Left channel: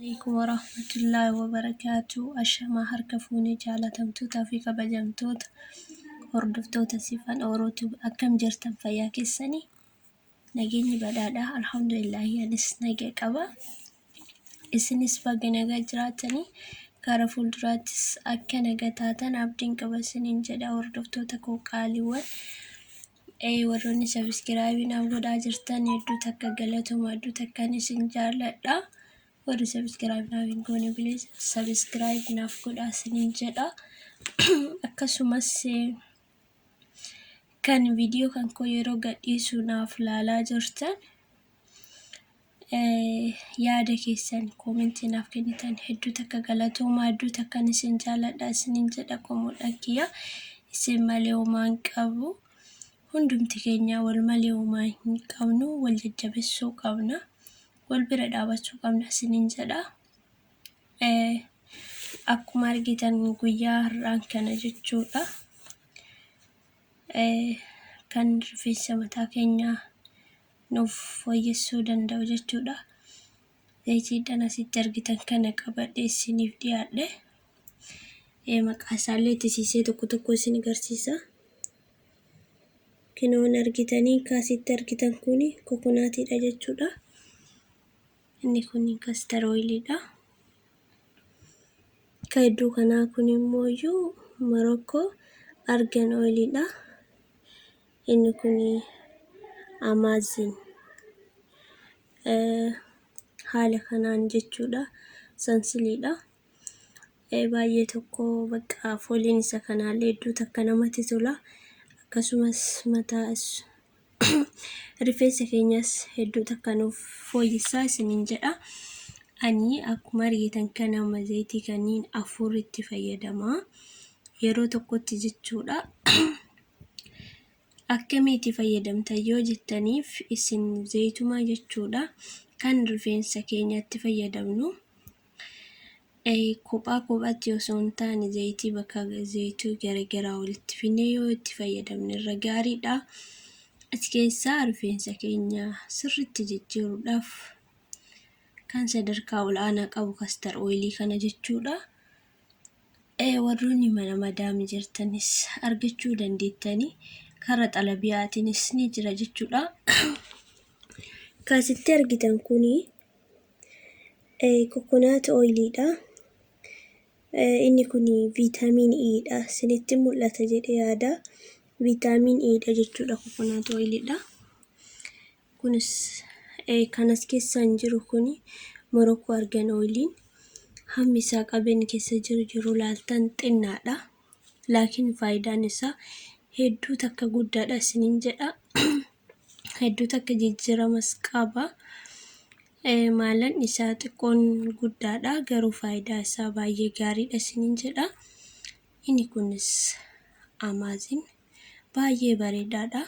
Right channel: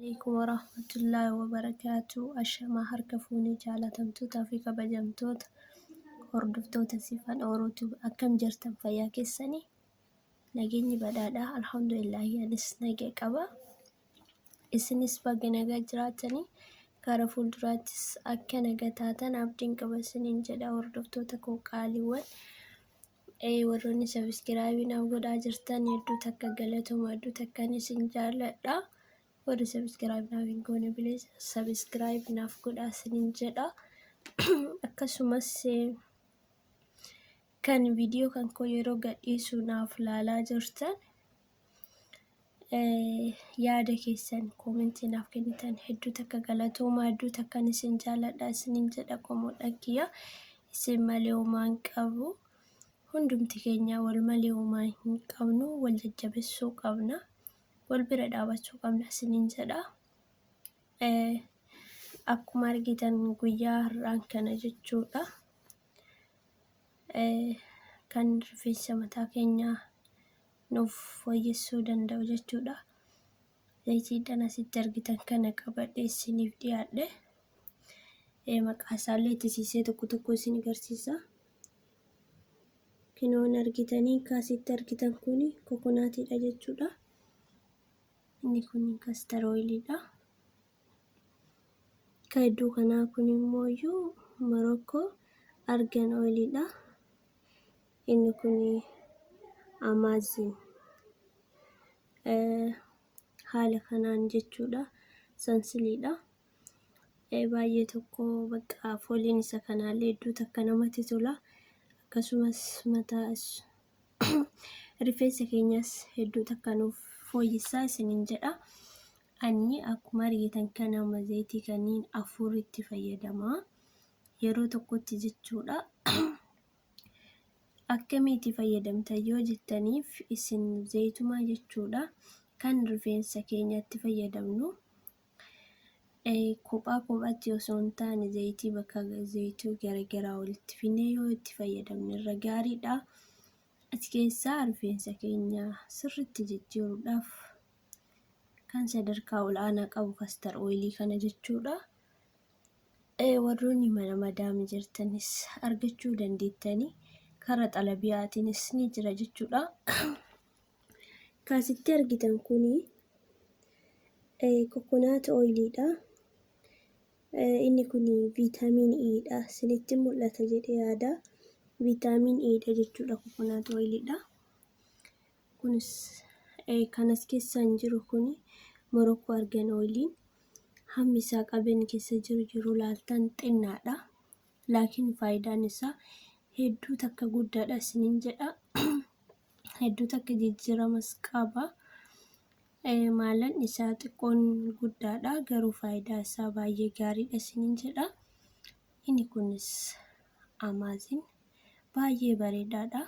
عليكم ورحمة الله وبركاته. أشما هركفوني جالتمتوتا في كبجمتوتا hordoftoota sifan orootu akkam jirtan fayyaa keessanii nageenyi badhaadha alhamdulillah anis nagee qaba isinis baga nagaa jiraatanii gara fuulduraattis akka nagaa taatan abdiin qaba isiniin jedha hordoftoota koo qaaliiwwan warroonni subscribe naaf godhaa jirtan hedduu takka galatoomaa hedduu takkan isin jaalladha warri subscribe naaf hin goone bilis subscribe naaf godhaa isiniin jedha akkasumas kan video kan koo yeroo gadhiisu naaf laalaa jirtan yaada keessan commenti naaf kennitan hedduu takka galatoomaa hedduu takkan isin jaalladha isiniin jedha qomoo dhaggiya isin malee homaa hin qabu hundumti keenya wal malee homaa hin qabnu wal jajjabeessuu qabna wal bira dhaabachuu qabna isiniin jedha akkuma argitan guyyaa har'aan kana jechuudha kan rifeensa mataa keenya nuuf fooyyessuu danda'u jechuudha. Zayitiidhaan asitti argitan kana qabadhee isiniif dhiyaadhe. Maqaa isaallee tisiisee tokko isin agarsiisa. Kinoon argitanii kaasitti argitan kuni kokonaatiidha jechuudha. Inni kun castor oilidha. Kaiduu kanaa kun immoo Morocco argan oilidha. Inni kun Amazing haala kanaan jechuudha sansiliidha baay'ee tokko bakka fooliin isa kanaallee hedduu takka namatti tola akkasumas mataa rifeensa keenyas hedduu takka nuuf fooyyessaa isiniin jedha ani akkuma argitan kana zayitii kanniin afur itti fayyadama yeroo tokkotti jechuudha akkamitti fayyadamta yoo jettaniif isin zayituma jechuudha kan rifeensa keenyatti fayyadamnu kophaatti osoo hin taane zayitii bakka zayituu garagaraa walitti fidnee yoo itti fayyadamne irra gaariidha as keessaa rifeensa keenya sirriitti jijjiiruudhaaf kan sadarkaa olaanaa qabu castor oilii kana jechuudha warroonni mana madaami jirtanis argachuu dandeettanii karaa xalabiyaatiinis ni jira jechuudha. Kaasitti argitan kuni coconut oilidha. Inni kuni vitamin E dha. Sinitti mul'ata jedhee yaada. Vitamin E dha jechuudha coconut oilidha. Kunis kanas keessaan jiru kuni Morocco argan oiliin hammi isaa qabeen keessa jiru laaltan xinnaadha. Laakiin faayidaan isaa hedduu takka guddaadha isiniin jedha hedduu takka jijjiiramas qaba maalan isaa xiqqoon guddaadha garuu faayidaa isaa baay'ee gaariidha isiniin jedha inni kunis Amazing baay'ee bareedaadha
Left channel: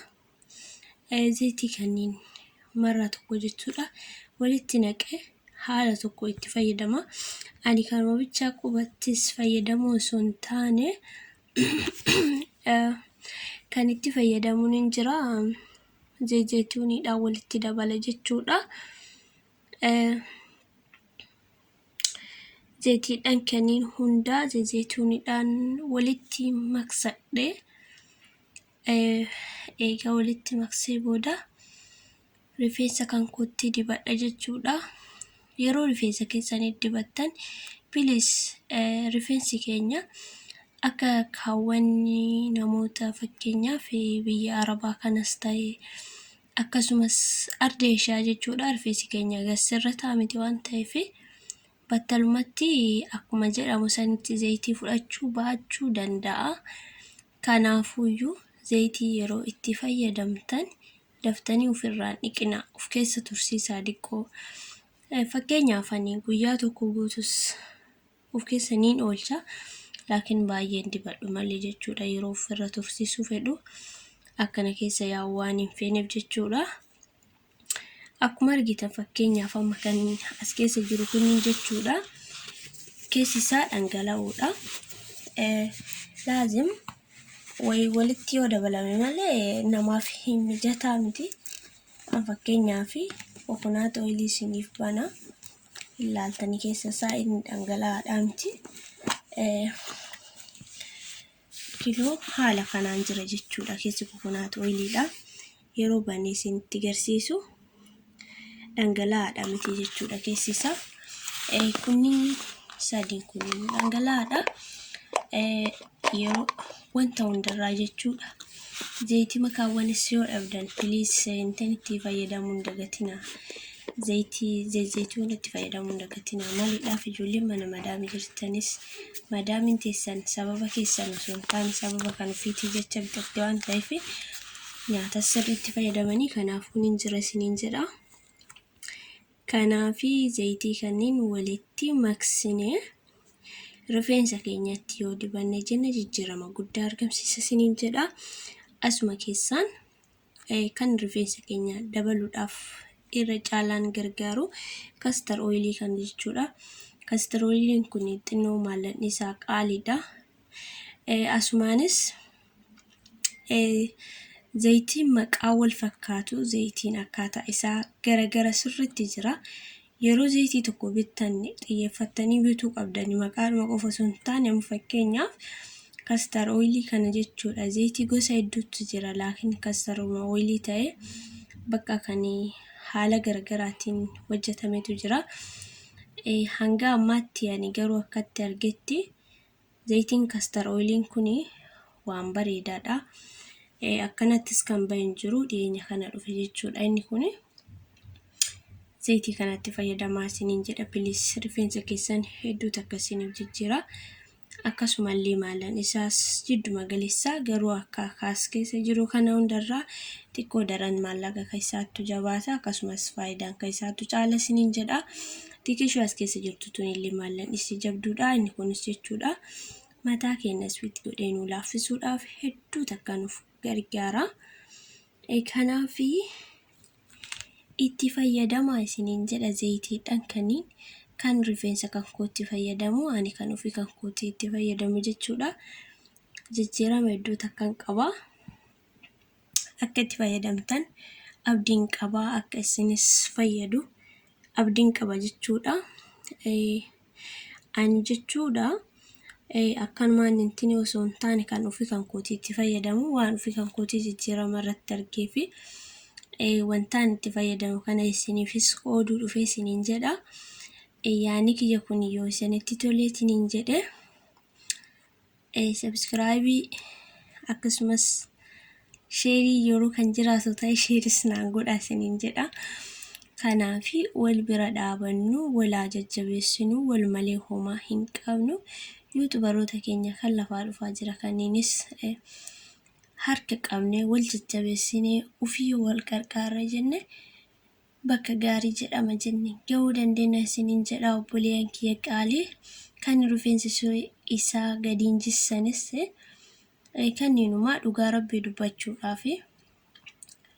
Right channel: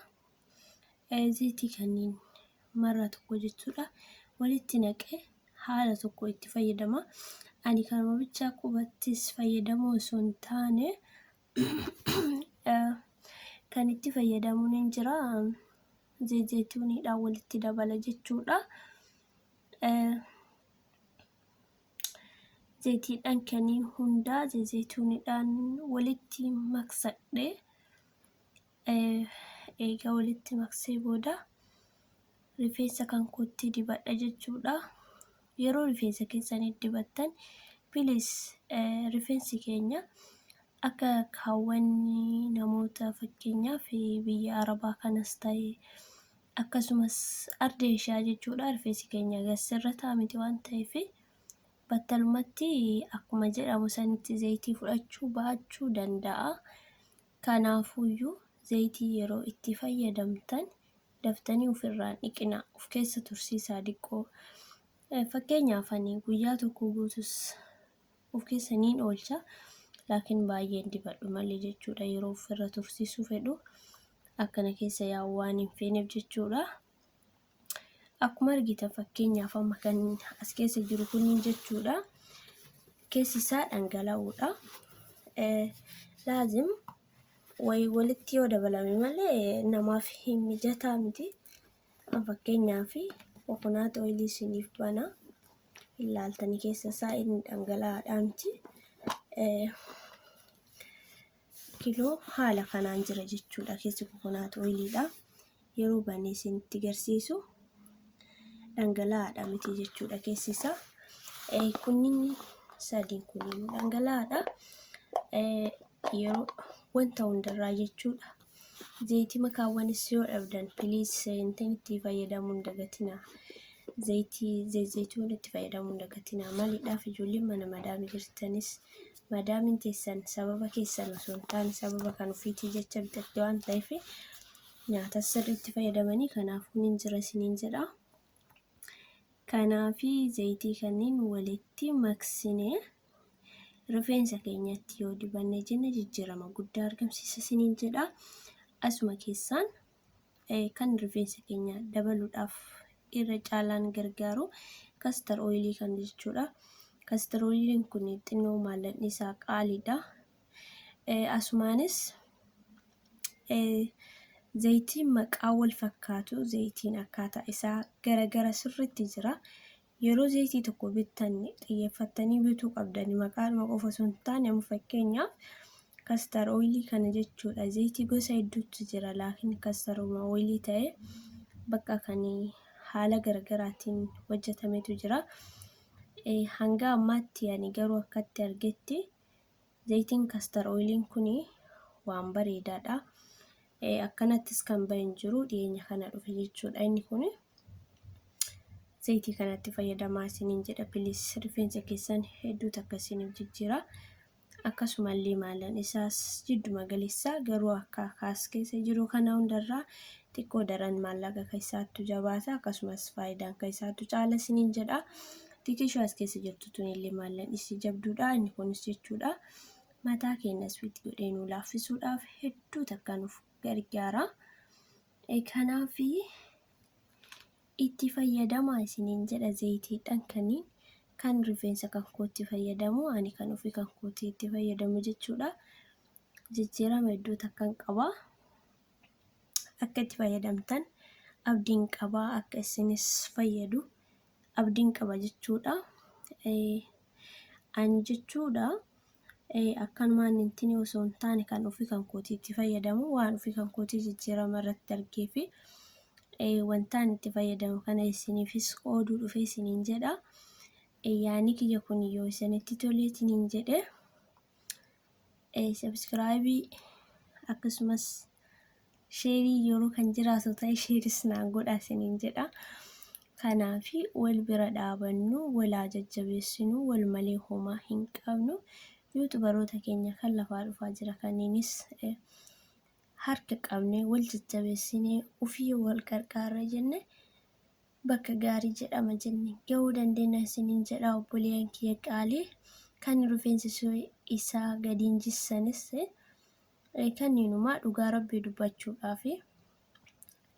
zayitii kanniin marra tokko jechuudha walitti naqee haala tokko itti fayyadama ani kanuma bichaa qubattis fayyadamoo osoo hin taane kan itti fayyadamuun hin jira zayituunidhaan walitti dabala jechuudha zayitiidhaan kanniin hundaa zayituunidhaan walitti maksadhe eegaa walitti maksee booda rifeensa kan kootti dibadha jechuudha yeroo rifeensa keessanii dibattan bilis rifeensi keenya akka kaawwanni namoota fakkeenyaaf biyya arabaa kanas ta'e akkasumas ardeeshaa jechuudha rifeensi keenya gasirra taa'amiti waan ta'eef battalumatti akkuma jedhamu sanitti zayitii fudhachuu baachuu danda'a kanaafuyyuu zayitii yeroo itti fayyadamtan daftanii ofirraan dhiqina of keessa tursiisaa dhiqoo fakkeenyaaf ani guyyaa tokko guutus of keessa niin oolcha laakiin baay'een dibadhu malee jechuudha yeroo ofirra tursiisuu fedhu akkana keessa yaa'u waan hin feeneef jechuudha akkuma argitan fakkeenyaaf amma kan as keessa jiru kuniin jechuudha keessi isaa dhangala'uudha laazim walitti yoo dabalame malee namaaf hin mijataa miti fakkeenyaaf coconut oilii isiniif bana ilaaltanii keessa isaa inni dhangala'aadha miti. Kiloo haala kanaan jira jechuudha. Keessi kokonaat oiliidha. Yeroo banee isinitti agarsiisu dhangala'aadha miti jechuudha keessi isaa. Kunniin sadiin kunniin dhangala'aadha. Yeroo wanta hundarraa jechuudha. Zayitii makaawwanis yoo dhabdan please itti fayyadamuu hin dagatinaa. Zayituun itti fayyadamuu hin dagatinaa. Maaliidhaaf ijoolleen mana madaamii jirtanis madaamiin teessan sababa keessan osoo hin taane sababa kan ofiitii jecha bitatte waan ta'eef nyaata sirriitti fayyadamanii. Kanaaf kun hin jira isiniin jedha. Kanaafi zayitii kanneen walitti maksinee rifeensa keenyatti yoo dibanne jenna jijjiirama guddaa argamsiisa isiniin jedha. Asuma keessaan kan rifeensa keenya dabaluudhaaf irra caalaan gargaaru castor oilii kan jechuudha. Castor oiliin kun xinnoo maalladhi isaa qaaliidha. Asumaanis zayitiin maqaa wal fakkaatu zayitiin akkaataa isaa gara sirriitti jira. Yeroo zayitii tokko bittan xiyyeeffattanii bituu qabdani maqaadhuma qofa osoo hin taane fakkeenyaaf castor oilii kana jechuudha. Zayitii gosa hedduutu jira laakiin castor oilii ta'e bakka kan haala garaagaraatiin hojjetametu jira. Hanga ammaatti ani garuu akkatti argetti zayitiin castor oiliin kun waan bareedaadha. Akkanattis kan bahin jiru dhiyeenya kana dhufe jechuudha. Inni kun zayitii kanatti fayyadamaa isiniin jedha. Please rifeensa keessan hedduu akkasiniif jijjiira. Akkasumallee maalan isaas jidduma galeessaa garuu akka kaas keessa jiru kana hundarraa xiqqoo daran maallaqa keessaattu jabaata. Akkasumas faayidaan keessaattu caala isiniin jedha. Xiqqeeshoo as keessa jirtu tunillee maalan isii jabduudha. Inni kunis jechuudha mataa keenya swiit godhee nu laaffisuudhaaf hedduu takka nuuf gargaara. Kanaafi itti fayyadamaa isiniin jedha zayitiidhaan kanneen kan rifeensa kan kootti fayyadamu ani kan ofii kan kootti itti fayyadamu jechuudha. Jijjiirama hedduu takkan qaba. Akka itti fayyadamtan abdiin qaba. Akka isinis fayyadu abdiin qaba jechuudha. Ani jechuudha akkanumaan intini osoo hin taane kan ofii kan kootti itti fayyadamu waan ofii kan kootti jijjiirama irratti argee fi wantaan itti fayyadamu kana isiniifis qooduu dhufee isiniin jedha. Yaani kiyya kun yoo isinitti tolee isiniin jedhe subscribe akkasumas share yeroo kan jiraatu ta'e shares naan godhaa isiniin jedha. Kanaafi wal bira dhaabannu wal jajjabeessinu wal malee homaa hin qabnu. Yuutubaroota keenya kan lafaa dhufaa jira kanneenis harka qabnee wal jajjabeessinee ofii wal qarqaarra jenne bakka gaarii jedhama jenne gahuu dandeenya isiniin jedha. Obboleeyyan kiyya qaalii kan rifeensa isaa gadiin jissanis kanneenumaa dhugaa rabbii dubbachuudhaaf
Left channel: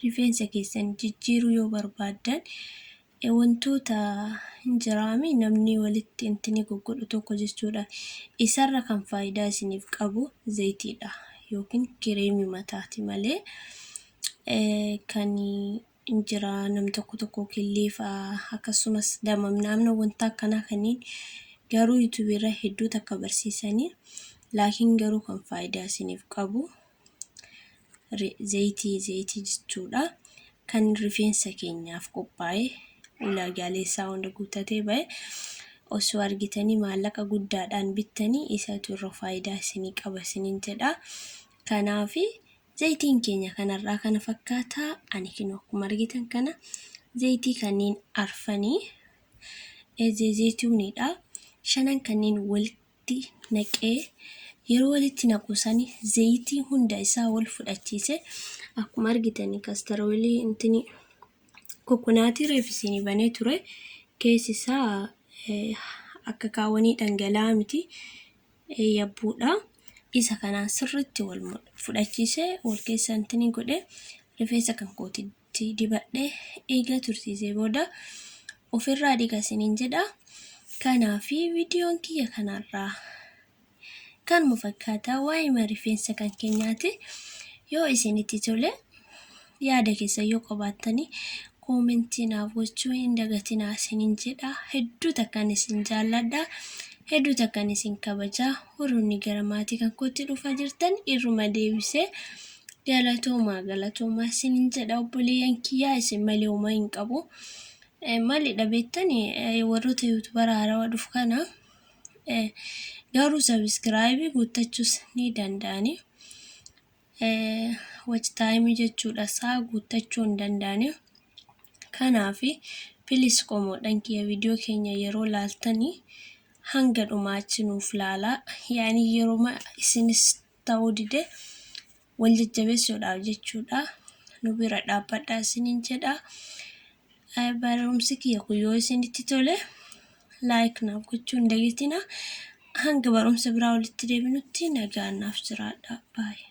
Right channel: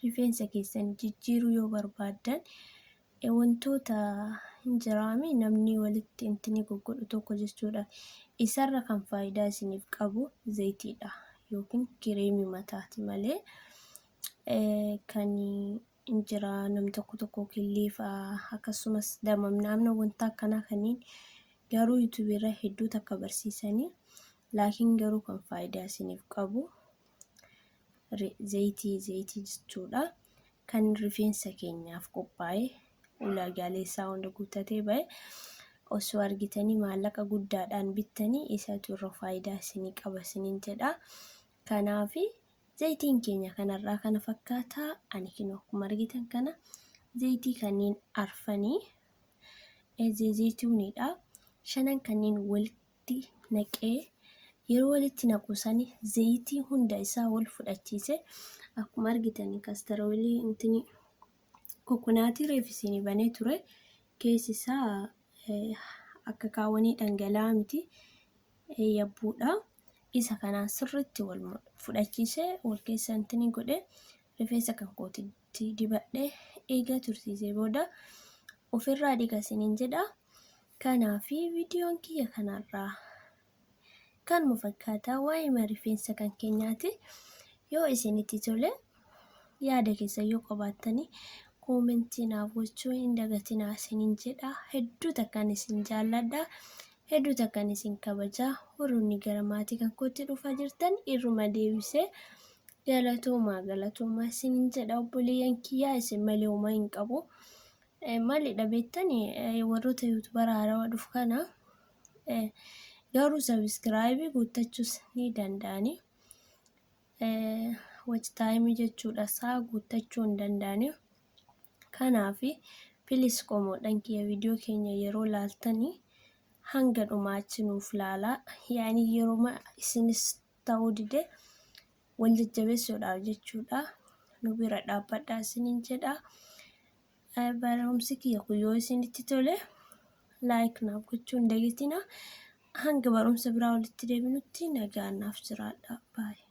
rifeensa keessan jijjiiruu yoo barbaaddan wantoota hin jiraami namni walitti intini goggodhu tokko jechuudha. Isarra kan faayidaa isiniif qabu zayitiidha yookiin kireemii mataati malee kan injira nam tokko killiif akkasumas damamnaamna wanta akkanaa kanneen garuu YouTube irra hedduu takka barsiisanii laakiin garuu kan faayidaa isiniif qabu zayitii jechuudha. Kan rifeensa keenyaaf qophaa'e ulaagaalee isaa hunda guuttatee bahe osoo argitanii maallaqa guddaadhaan bittanii isatu irra faayidaa isinii qaba isiniin jedha. Kanaafi zayitiin keenya kanarraa kana fakkaata. Ani kinoo akkuma argitan kana zayitii kanneen arfanii zayituunidha. Shanan kanneen walitti naqee yeroo walitti naqusanii zayitii hunda isaa wal fudhachiise akkuma argitanii castor oilii intini kokonaatii reefisini banee ture keessi isaa akka kaawwanii dhangala'aa miti yabbuudha. Isa kanaan sirriitti wal fudhachiise wal keessa intini godhe rifeensa kan kootitti dibadhe eega tursiisee booda ofirraa dhiqa isiniin jedha. Kanaafi viidiyoon kiyya kanarraa kan mufakkaata waa'ee rifeensa kan keenyaati. Yoo isinitti tole yaada keessa yoo qabaattanii koomentii naaf gochuu hin dagatinaa isiniin jedha. Hedduu takkaan isin jaalladha. Hedduu takkaan isin kabajaa. Warroonni gara maatii kan kootti dhufaa jirtan irruma deebisee galatoomaa isiniin jedha. Obboleeyyan kiyyaa isin malee uumaa hin qabu. Maalidha beektanii warroota yuutuubara haarawaa dhufu kana garuu sabiskiraayibii guuttachuus ni danda'ani. Watch time jechuudha isaa guuttachuu hin danda'ani. Kanaafi pilis qomoodhaan kiyya viidiyoo keenya yeroo laaltanii hanga dhumaachi nuuf laalaa. Yaani yeroo isinis ta'uu dide wal jajjabeessuudhaaf jechuudha. Nu bira dhaabbadhaa isiniin jedha. Barumsi kiyya kun yoo isinitti tole like naaf gochuu hin dagatinaa. Hanga barumsa biraa walitti deebinutti nagaan naaf jiraadhaa. Bye.